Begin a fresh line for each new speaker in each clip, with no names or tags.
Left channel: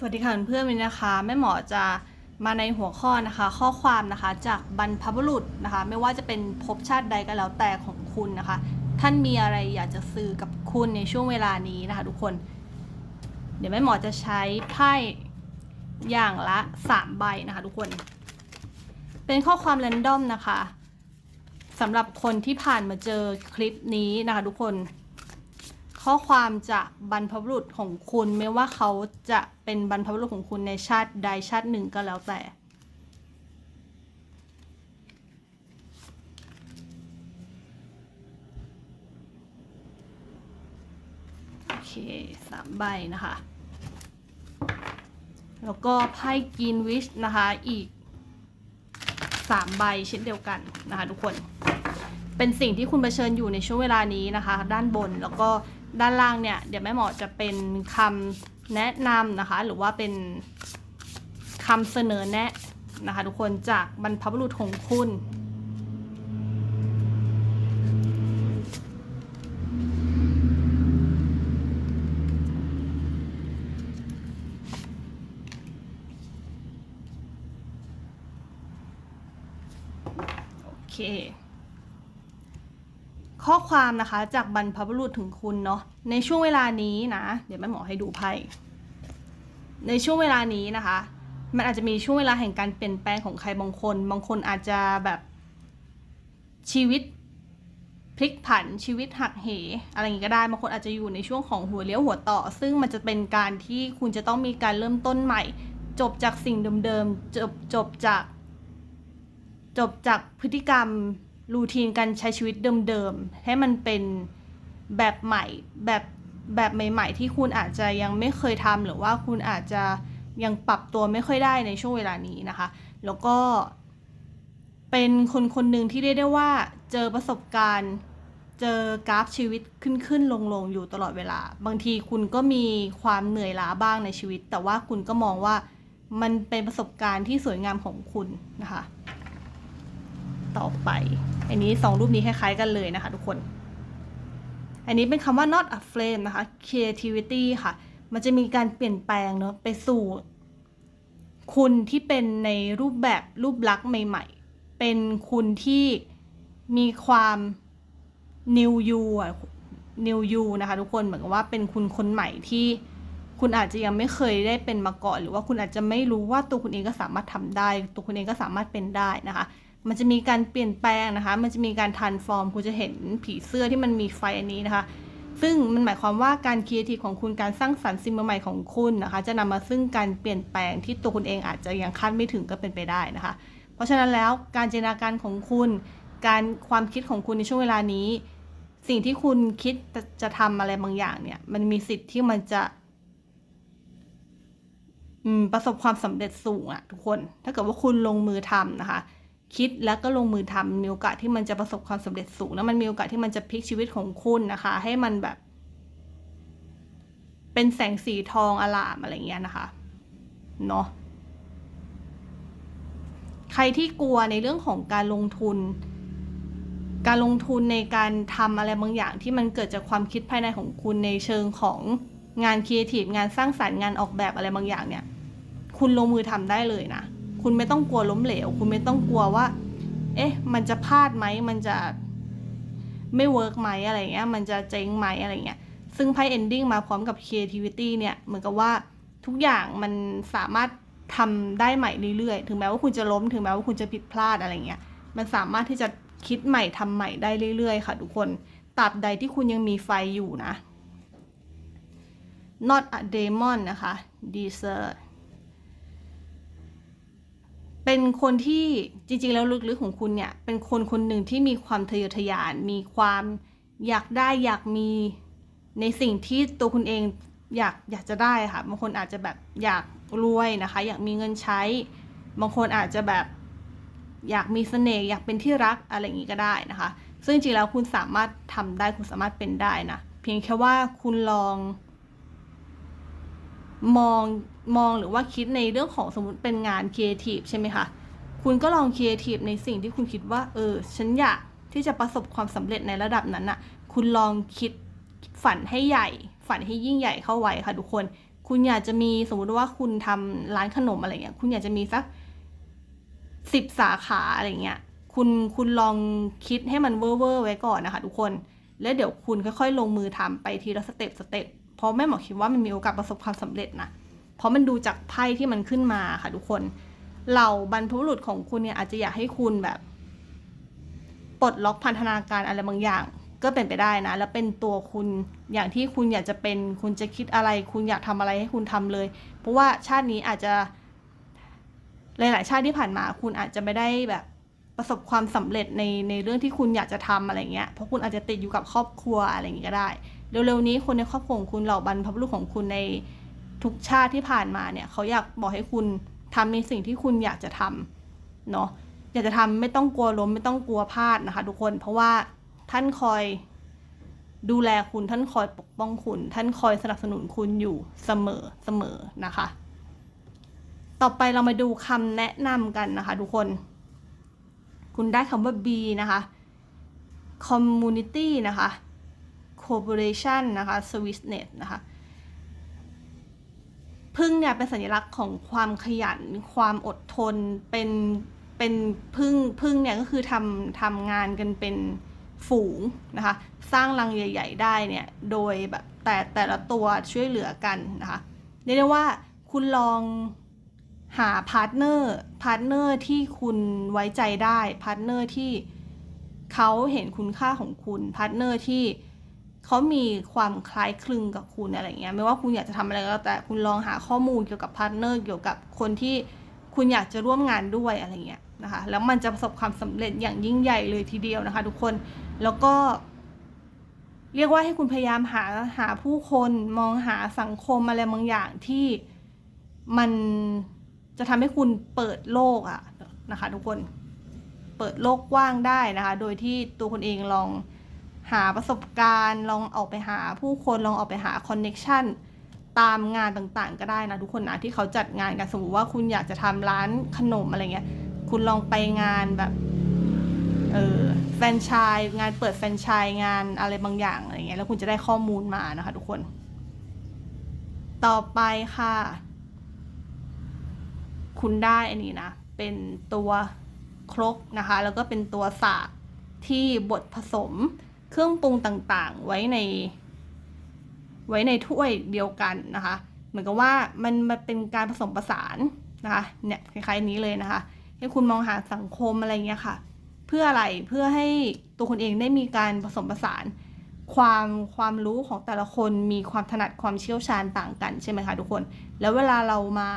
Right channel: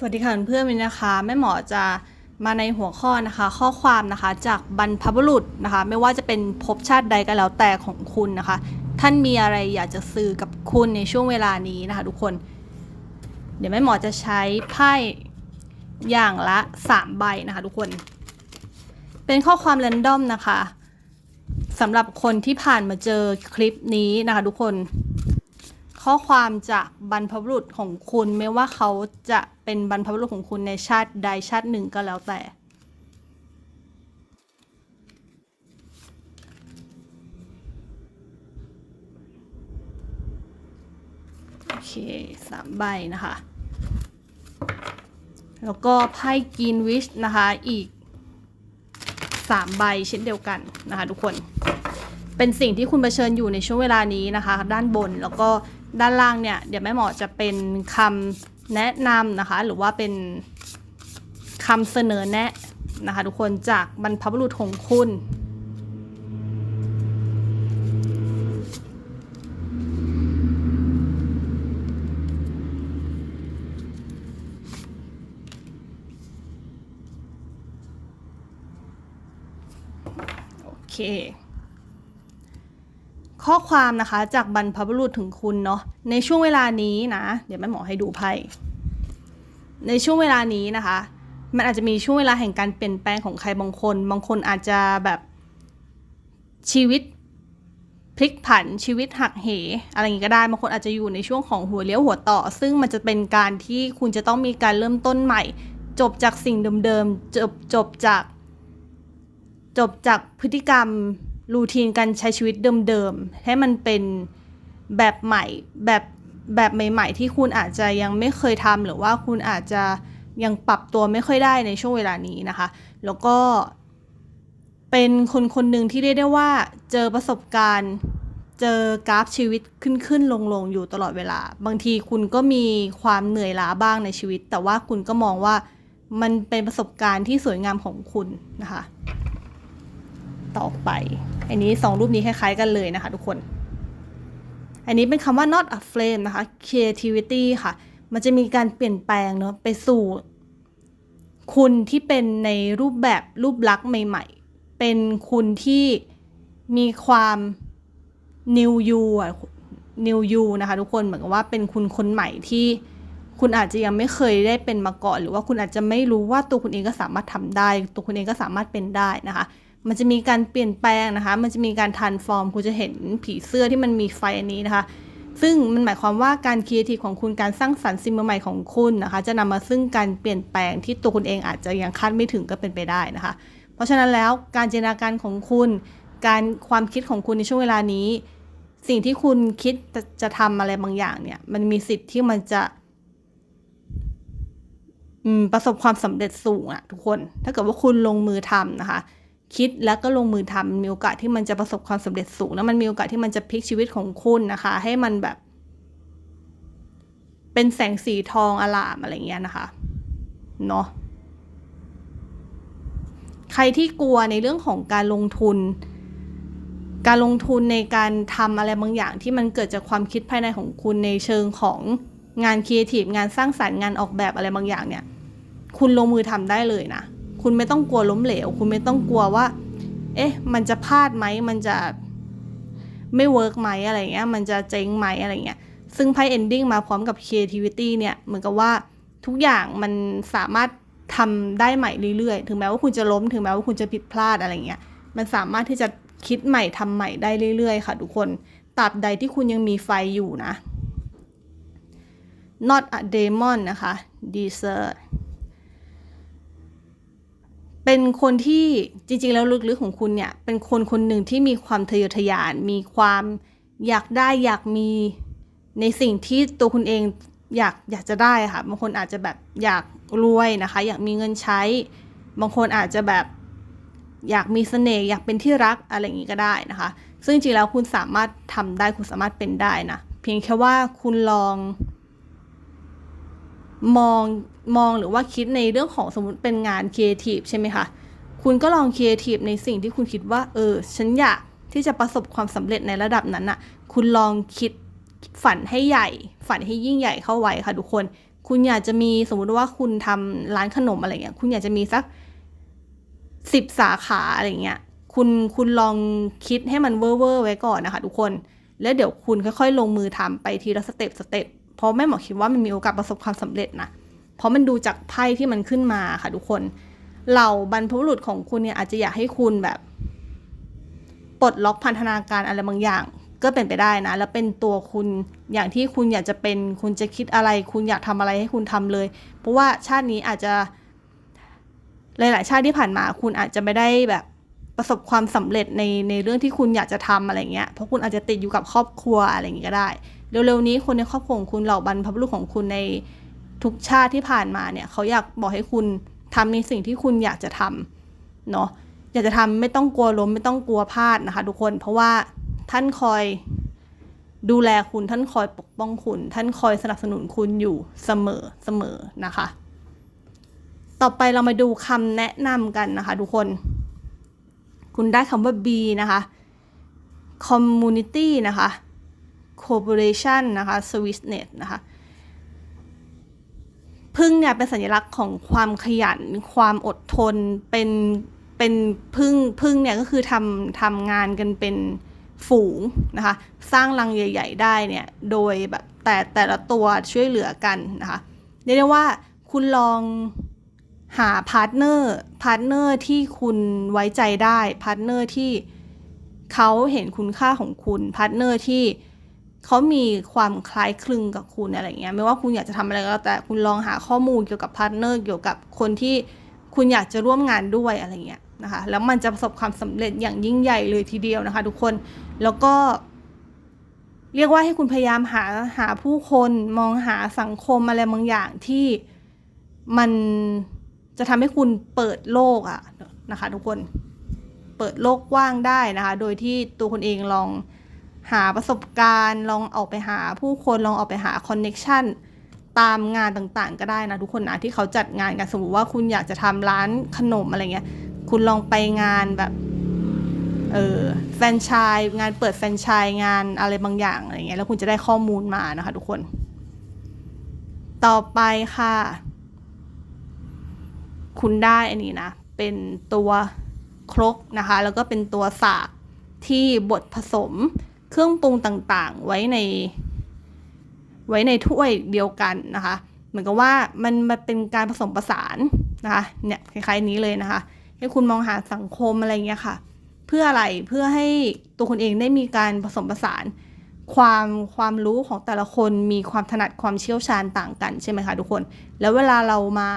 สวัสดีค่ะเพื่อนๆวันนะคะแม่หมอจะมาในหัวข้อนะคะ ข้อความนะคะจากบรรพบุรุษนะคะ ไม่ว่าจะเป็นภพชาติใดก็แล้วแต่ของคุณนะคะ ท่านมีอะไรอยากจะสื่อกับคุณในช่วงเวลานี้นะคะ ทุกคน เดี๋ยวแม่หมอจะใช้ไพ่อย่างละ3ใบนะคะ ทุกคน เป็นข้อความแรนดอมนะคะสำหรับคนที่ผ่านมาเจอคลิปนี้นะคะ ทุกคน ข้อความจากบรรพบุรุษของคุณ ไม่ว่าเขาจะเป็นบรรพบุรุษของคุณในชาติใดชาติหนึ่งก็แล้วแต่โอเคสามใบนะคะ แล้วก็ไพ่กินวิชนะคะอีกสามใบเช่นเดียวกันนะคะทุกคน เป็นสิ่งที่คุณเผชิญอยู่ในช่วงเวลานี้นะคะ ด้านบนแล้วก็ ด้านล่างเนี่ยเดี๋ยวแม่หมอจะเป็นคำแนะนำนะคะ หรือว่าเป็นคำเสนอแนะนะคะทุกคนจากบรรพบุรุษของคุณโอเค ข้อความนะคะจากบรรพบุรุษถึงคุณเนาะในช่วงเวลานี้นะ เดี๋ยวแม่หมอให้ดูไพ่ในช่วงเวลานี้นะคะ มันอาจจะมีช่วงเวลาแห่งการเปลี่ยนแปลงของใครบางคน บางคนอาจจะแบบชีวิตพลิกผันชีวิตหักเห อะไรอย่างนี้ก็ได้บางคนอาจจะอยู่ในช่วงของหัวเลี้ยวหัวต่อ ซึ่งมันจะเป็นการที่คุณจะต้องมีการเริ่มต้นใหม่ จบจากสิ่งเดิมๆจบจบจาก จบจากพฤติกรรม รูทีนการใช้ชีวิตเดิมๆ ให้มันเป็นแบบใหม่แบบแบบใหม่ ๆ ที่คุณอาจจะยังไม่เคยทำหรือว่าคุณอาจจะยังปรับตัวไม่ค่อยได้ในช่วงเวลานี้นะคะ แล้วก็ เป็นคนคนหนึ่งที่เรียกได้ว่าเจอประสบการณ์เจอกราฟชีวิตขึ้นขึ้นลงลงอยู่ตลอดเวลา บางทีคุณก็มีความเหนื่อยล้าบ้างในชีวิต แต่ว่าคุณก็มองว่ามันเป็นประสบการณ์ที่สวยงามของคุณนะคะ ต่อไป อันนี้สองรูปนี้คล้ายๆกันเลยนะคะทุกคน อันนี้เป็นคำว่า not a flame นะคะ creativity ค่ะ มันจะมีการเปลี่ยนแปลงเนาะไปสู่คุณที่เป็นในรูปแบบรูปลักษณ์ใหม่ ๆ เป็นคุณที่มีความ new you อะ new you นะคะทุกคนเหมือนกับว่าเป็นคุณคนใหม่ที่คุณอาจจะยังไม่เคยได้เป็นมาก่อน หรือว่าคุณอาจจะไม่รู้ว่าตัวคุณเองก็สามารถทำได้ ตัวคุณเองก็สามารถเป็นได้นะคะ มันจะมีการเปลี่ยนแปลงนะคะ มันจะมีการทันฟอร์มคุณจะเห็นผีเสื้อที่มันมีไฟอันนี้นะคะ ซึ่งมันหมายความว่าการครีเอทีฟของคุณการสร้างสรรค์สิ่งใหม่ของคุณนะคะ จะนำมาซึ่งการเปลี่ยนแปลงที่ตัวคุณเองอาจจะยังคาดไม่ถึงก็เป็นไปได้นะคะ เพราะฉะนั้นแล้วการจินตนาการของคุณ การความคิดของคุณในช่วงเวลานี้ สิ่งที่คุณคิดจะจะทำอะไรบางอย่างเนี่ยมันมีสิทธิ์ที่มันจะประสบความสำเร็จสูงอะทุกคน ถ้าเกิดว่าคุณลงมือทำนะคะ คิดแล้วก็ลงมือทำมีโอกาสที่มันจะประสบความสำเร็จสูง แล้วมันมีโอกาสที่มันจะพลิกชีวิตของคุณนะคะ ให้มันแบบ เป็นแสงสีทองอลามอะไรเงี้ยนะคะเนาะใครที่กลัวในเรื่องของการลงทุน การลงทุนในการทำอะไรบางอย่างที่มันเกิดจากความคิดภายในของคุณในเชิงของงานครีเอทีฟงานสร้างสรรค์งานออกแบบอะไรบางอย่างเนี่ย คุณลงมือทำได้เลยนะ คุณไม่ต้องกลัวล้มเหลว คุณไม่ต้องกลัวว่า เอ๊ะ มันจะพลาดไหม มันจะไม่เวิร์กไหมอะไรเงี้ย มันจะเจ๊งไหมอะไรเงี้ย ซึ่งไพ่ ending มาพร้อมกับ creativity เนี่ย เหมือนกับว่าทุกอย่างมันสามารถทำได้ใหม่เรื่อยๆ ถึงแม้ว่าคุณจะล้ม ถึงแม้ว่าคุณจะผิดพลาดอะไรเงี้ย มันสามารถที่จะคิดใหม่ทำใหม่ได้เรื่อยๆ ค่ะทุกคนตราบใดที่คุณยังมีไฟอยู่นะ not a demon นะคะ desert เป็นคนที่จริงๆ แล้วลึกๆของคุณเนี่ย เป็นคนคนหนึ่งที่มีความทะเยอทะยาน มีความอยากได้อยากมีในสิ่งที่ตัวคุณเองอยากอยากจะได้ค่ะ บางคนอาจจะแบบอยากรวยนะคะ อยากมีเงินใช้ บางคนอาจจะแบบอยากมีเสน่ห์อยากเป็นที่รักอะไรอย่างนี้ก็ได้นะคะ ซึ่งจริงๆแล้วคุณสามารถทำได้คุณสามารถเป็นได้นะ เพียงแค่ว่าคุณลอง มอง มองหรือว่าคิดในเรื่องของสมมติเป็นงานครีเอทีฟใช่ไหมคะ คุณก็ลองครีเอทีฟในสิ่งที่คุณคิดว่า เออ ฉันอยากที่จะประสบความสำเร็จในระดับนั้นอะคุณลองคิดฝันให้ใหญ่ ฝันให้ยิ่งใหญ่เข้าไว้ค่ะทุกคน คุณอยากจะมีสมมุติว่าคุณทำร้านขนมอะไรเงี้ย คุณอยากจะมีสักสิบสาขาอะไรเงี้ย คุณคุณลองคิดให้มันเวอร์เวอร์ไว้ก่อนนะคะทุกคน แล้วเดี๋ยวคุณค่อยๆ ลงมือทำไปทีละสเต็ปสเต็ป เพราะแม่หมอคิดว่ามันมีโอกาสประสบความสำเร็จนะ เพราะมันดูจากไพ่ที่มันขึ้นมาค่ะทุกคนเหล่าบรรพบุรุษของคุณเนี่ยอาจจะอยากให้คุณแบบปลดล็อกพันธนาการอะไรบางอย่าง ก็เป็นไปได้นะ แล้วเป็นตัวคุณอย่างที่คุณอยากจะเป็นคุณจะคิดอะไร คุณอยากทำอะไรให้คุณทำเลย เพราะว่าชาตินี้อาจจะหลายๆชาติที่ผ่านมา คุณอาจจะไม่ได้แบบประสบความสำเร็จในในเรื่องที่คุณอยากจะทำอะไรเงี้ยเพราะคุณอาจจะติดอยู่กับครอบครัวอะไรอย่างงี้ก็ได้เร็วๆนี้คนในครอบครัวของคุณเหล่าบรรพบุรุษของคุณใน ทุกชาติที่ผ่านมาเนี่ยเขาอยากบอกให้คุณทำในสิ่งที่คุณอยากจะทำเนาะอยากจะทำไม่ต้องกลัวล้มไม่ต้องกลัวพลาดนะคะ ทุกคนเพราะว่าท่านคอยดูแลคุณท่านคอยปกป้องคุณ ท่านคอยสนับสนุนคุณอยู่เสมอเสมอนะคะ ต่อไปเรามาดูคำแนะนำกันนะคะ ทุกคน คุณได้คำว่า B นะคะ community นะคะ corporation นะคะ sweetness นะคะ พึ่งเนี่ยเป็นสัญลักษณ์ของความขยัน ความอดทน เป็นเป็นพึ่งพึ่งเนี่ยก็คือทำทำงานกันเป็นฝูงนะคะ สร้างรังใหญ่ ๆ ได้เนี่ยโดยแบบแต่แต่ละตัวช่วยเหลือกันนะคะเรียกได้ว่าคุณลองหาพาร์ทเนอร์พาร์ทเนอร์ที่คุณไว้ใจได้พาร์ทเนอร์ที่เขาเห็นคุณค่าของคุณพาร์ทเนอร์ที่ เขามีความคล้ายคลึงกับคุณอะไรเงี้ยไม่ว่าคุณอยากจะทำอะไรก็แต่คุณลองหาข้อมูลเกี่ยวกับพาร์ทเนอร์เกี่ยวกับคนที่คุณอยากจะร่วมงานด้วยอะไรเงี้ยนะคะแล้วมันจะประสบความสำเร็จอย่างยิ่งใหญ่เลยทีเดียวนะคะ ทุกคนแล้วก็ เรียกว่าให้คุณพยายามหาหาผู้คนมองหาสังคมอะไรบางอย่างที่มันจะทำให้คุณเปิดโลกอะนะคะ ทุกคนเปิดโลกกว้างได้นะคะ โดยที่ตัวคนเองลอง หาประสบการณ์ลองออกไปหาผู้คนลองออกไปหาคอนเน็ชันตามงานต่างๆ ก็ได้นะทุกคนนะที่เขาจัดงานกันสมมติว่าคุณอยากจะทำร้านขนมอะไรเงี้ยคุณลองไปงานแบบเออแฟนชส์งานเปิดแฟนชส์งานอะไรบางอย่างอะไรเงี้ยแล้วคุณจะได้ข้อมูลมานะคะทุกคน ต่อไปค่ะ คุณได้อันนี้นะ เป็นตัวครกนะคะ แล้วก็เป็นตัวสากที่บดผสม เครื่องปรุงต่างๆ ไว้ใน ไว้ในถ้วยเดียวกันนะคะ เหมือนกับว่ามันมันเป็นการผสมผสานนะคะเนี่ยคล้ายๆนี้เลยนะคะให้คุณมองหาสังคมอะไรเงี้ยค่ะ เพื่ออะไรเพื่อให้ตัวคุณเองได้มีการผสมผสาน ความความรู้ของแต่ละคนมีความถนัดความเชี่ยวชาญต่างกันใช่ไหมคะทุกคน แล้วเวลาเรามา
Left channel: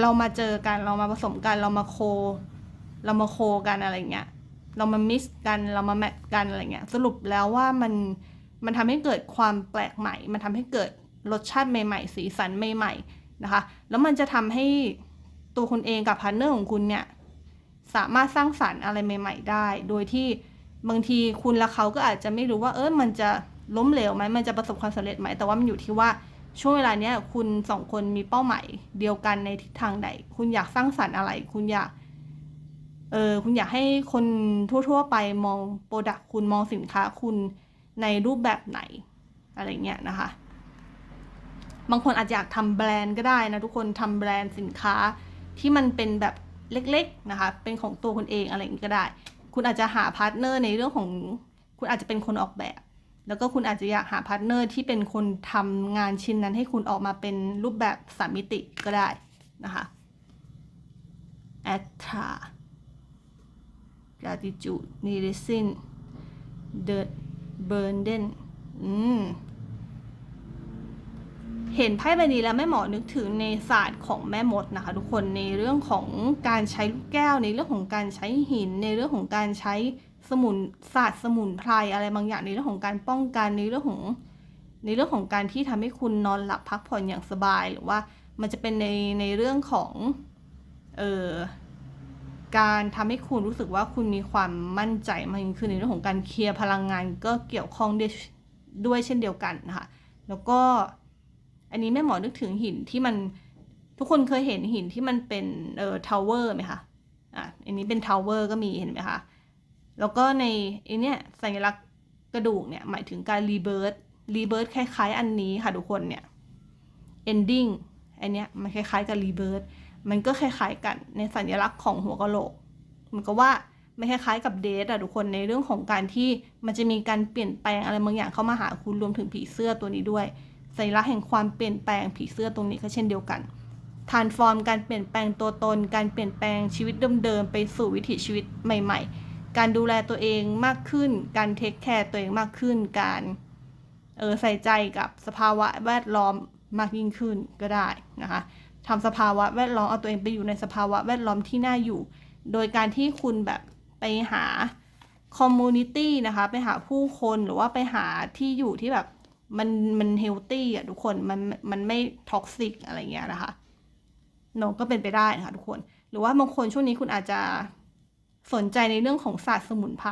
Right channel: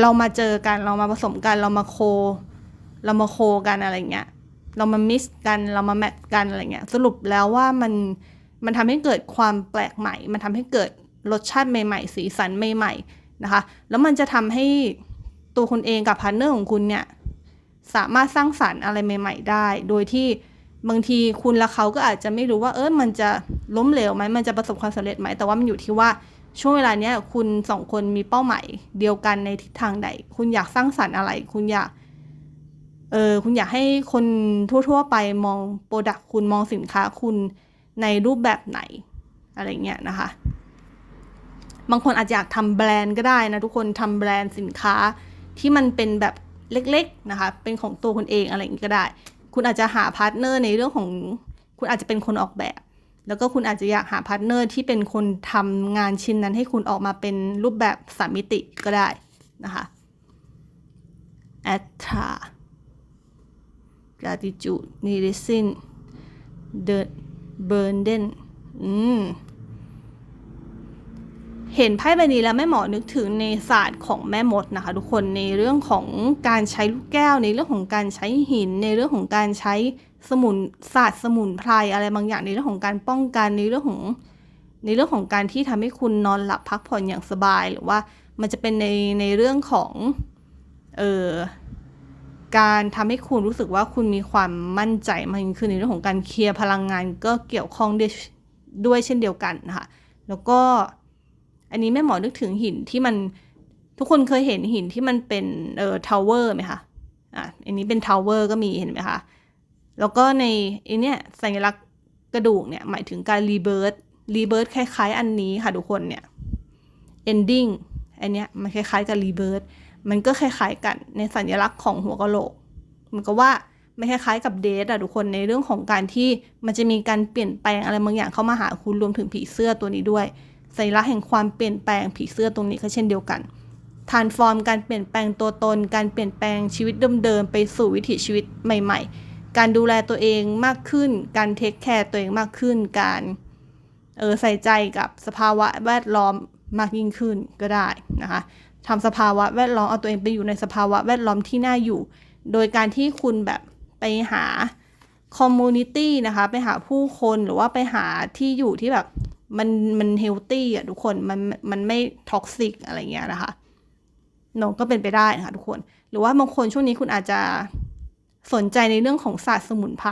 เรามาเจอกันเรามาผสมกันเรามาโค เรามาโคกันอะไรเงี้ย เรามามิสกันเรามาแมทกันอะไรเงี้ยสรุปแล้วว่ามันมันทำให้เกิดความแปลกใหม่ มันทำให้เกิดรสชาติใหม่ๆ สีสันใหม่ๆนะคะ แล้วมันจะทำให้ตัวคุณเองกับพาร์ทเนอร์ของคุณเนี่ยสามารถสร้างสารรค์อะไรใหม่ ๆ ได้ โดยที่บางทีคุณและเขาก็อาจจะไม่รู้ว่าเออมันจะล้มเหลวไหมมันจะประสบความสำเร็จไหมแต่ว่ามันอยู่ที่ว่าช่วงเวลาเนี้ยคุณสองคนมีเป้าหมายเดียวกันในทิศทางใด คุณอยากสร้างสรรค์อะไร คุณอยาก เออคุณอยากให้คนทั่ว ๆ ไปมองโปรดักต์คุณมองสินค้าคุณในรูปแบบไหนอะไรเงี้ยนะคะ บางคนอาจจะอยากทำแบรนด์ก็ได้นะทุกคนทำแบรนด์สินค้าที่มันเป็นแบบเล็กๆนะคะ เป็นของตัวคุณเองอะไรอย่างนี้ก็ได้ คุณอาจจะหาพาร์ทเนอร์ในเรื่องของคุณอาจจะเป็นคนออกแบบ แล้วก็คุณอาจจะอยากหาพาร์ทเนอร์ที่เป็นคนทำงานชิ้นนั้นให้คุณออกมาเป็นรูปแบบสามมิติก็ได้นะคะ a t t a gratitude n i r i s i n the burden อืมเห็นไพ่ใบนี้แล้วแม่หมอนึกถึงในศาสตร์ของแม่มดนะคะ ทุกคนในเรื่องของการใช้ลูกแก้ว ในเรื่องของการใช้หิน ในเรื่องของการใช้สมุนศาสตร์สมุนไพรอะไรบางอย่างในเรื่องของการป้องกันในเรื่องของ ในเรื่องของการที่ทำให้คุณนอนหลับพักผ่อนอย่างสบายหรือว่ามันจะเป็นในในเรื่องของเออ การทำให้คุณรู้สึกว่าคุณมีความมั่นใจมากยิ่งขึ้นในเรื่องของการเคลียร์พลังงานก็เกี่ยวข้องด้วยด้วยเช่นเดียวกันนะคะแล้วก็อันนี้แม่หมอนึกถึงหินที่มันทุกคนเคยเห็นหินที่มันเป็นเอ่อทาวเวอร์ไหมคะอะอันนี้เป็นทาวเวอร์ก็มีเห็นไหมคะแล้วก็ในไอเนี้ยสัญลักษณ์กระดูกเนี่ยหมายถึงการรีเบิร์ตรีเบิร์ตคล้ายๆ อันนี้ค่ะทุกคนเนี่ย ending อันเนี้ยมันคล้ายๆกับ rebirth มันก็คล้ายๆกันในสัญลักษณ์ของหัวกะโหลก มันก็ว่าไม่คล้ายๆกับเดทอะทุกคนในเรื่องของการที่มันจะมีการเปลี่ยนแปลงอะไรบางอย่างเข้ามาหาคุณรวมถึงผีเสื้อตัวนี้ด้วยสัญลักษณ์แห่งความเปลี่ยนแปลงผีเสื้อตรงนี้ก็เช่นเดียวกันทานฟอร์มการเปลี่ยนแปลงตัวตน การเปลี่ยนแปลงชีวิตเดิมๆไปสู่วิถีชีวิตใหม่ ๆ การดูแลตัวเองมากขึ้น การเทคแคร์ตัวเองมากขึ้น การเออใส่ใจกับสภาวะแวดล้อมมากยิ่งขึ้นก็ได้นะคะ ทำสภาวะแวดล้อมเอาตัวเองไปอยู่ในสภาวะแวดล้อมที่น่าอยู่ โดยการที่คุณแบบไปหาคอมมูนิตี้นะคะไปหาผู้คนหรือว่าไปหาที่อยู่ที่แบบมันมันเฮลตี้อะทุกคนมันมันไม่ท็อกซิกอะไรเงี้ยนะคะน้องก็เป็นไปได้นะคะทุกคน หรือว่าบางคนช่วงนี้คุณอาจจะสนใจในเรื่องของศาสตร์สมุนไพร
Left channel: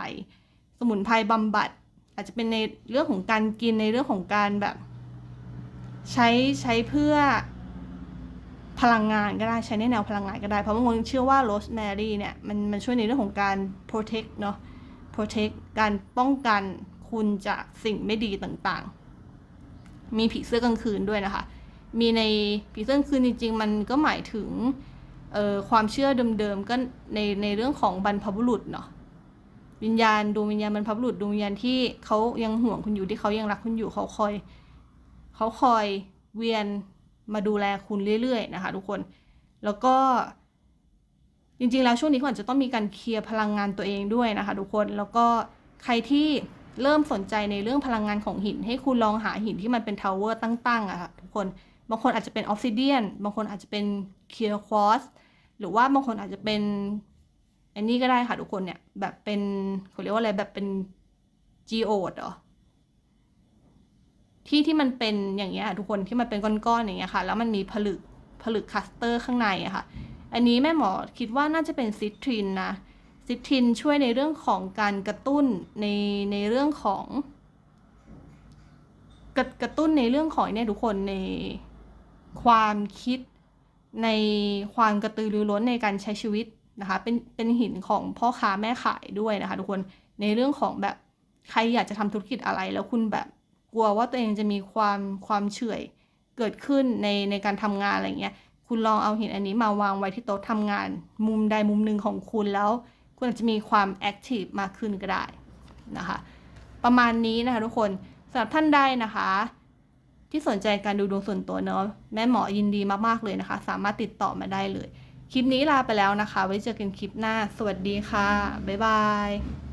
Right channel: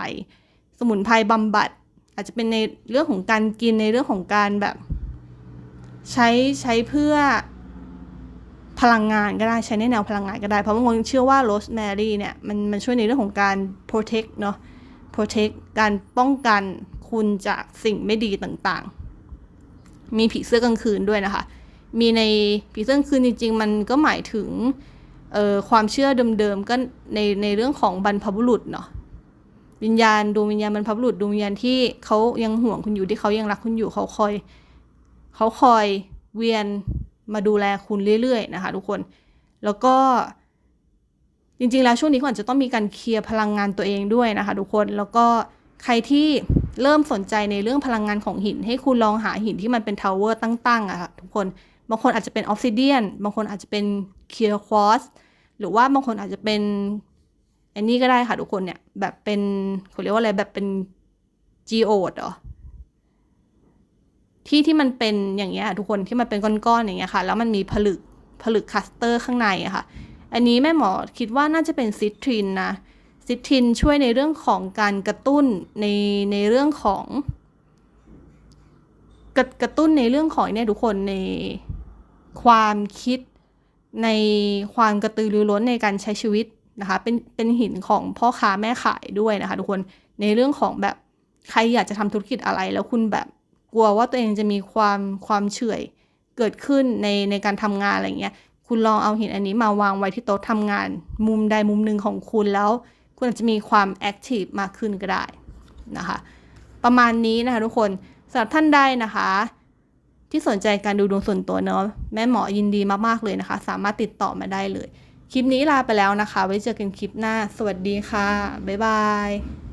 สมุนไพรบำบัด อาจจะเป็นในเรื่องของการกินในเรื่องของการแบบ ใช้ใช้เพื่อ พลังงานก็ได้ใช้ในแนวพลังงานก็ได้ เพราะบางคนเชื่อว่าโรสแมรี่เนี่ยมันมันช่วยในเรื่องของการ protect เนาะ protect การป้องกันคุณจากสิ่งไม่ดีต่างๆ มีผีเสื้อกลางคืนด้วยนะคะ มีในผีเสื้อกลางคืนจริง ๆ มันก็หมายถึงเอ่อความเชื่อเดิมๆก็ในในเรื่องของบรรพบุรุษเนาะวิญญาณดวงวิญญาณบรรพบุรุษดวงวิญญาณที่เขายังห่วงคุณอยู่ที่เขายังรักคุณอยู่เขาคอยเขาคอยเวียน มาดูแลคุณเรื่อยๆนะคะทุกคน แล้วก็จริงๆแล้วช่วงนี้คุณอาจจะต้องมีการเคลียร์พลังงานตัวเองด้วยนะคะทุกคน แล้วก็ใครที่เริ่มสนใจในเรื่องพลังงานของหิน ให้คุณลองหาหินที่มันเป็นทาวเวอร์ตั้งๆอะค่ะทุกคน บางคนอาจจะเป็นออฟซิเดียน บางคนอาจจะเป็นเคียร์ควอสหรือว่าบางคนอาจจะเป็นอันนี้ก็ได้ค่ะทุกคนเนี่ยแบบเป็นเขาเรียกว่าอะไรแบบเป็นจีโอดเหรอ ที่ที่มันเป็นอย่างเงี้ยทุกคนที่มันเป็นก้อนๆอย่างเงี้ยค่ะ แล้วมันมีผลึกผลึกคัสเตอร์ข้างในอะค่ะ อันนี้แม่หมอคิดว่าน่าจะเป็นซิตรินนะซิตรินช่วยในเรื่องของการกระตุ้นในในเรื่องของกระกระตุ้นในเรื่องของเนี่ยทุกคนในความคิดในความกระตือรือร้นในการใช้ชีวิตนะคะ เป็นเป็นหินของพ่อค้าแม่ขายด้วยนะคะ ทุกคนในเรื่องของแบบใครอยากจะทำธุรกิจอะไรแล้วคุณแบบ กลัวว่าตัวเองจะมีความความเฉื่อยเกิดขึ้นในในการทำงานอะไรเงี้ยคุณลองเอาหินอันนี้มาวางไว้ที่โต๊ะทำงาน มุมใดมุมหนึ่งของคุณแล้ว คุณอาจจะมีความแอคทีฟมากขึ้นก็ได้นะคะประมาณนี้นะคะทุกคนสำหรับท่านใดนะคะ ที่สนใจการดูดวงส่วนตัวเนาะแม่หมอยินดีมากๆเลยนะคะ สามารถติดต่อมาได้เลย คลิปนี้ลาไปแล้วนะคะ ไว้เจอกันคลิปหน้า สวัสดีค่ะ บ๊ายบาย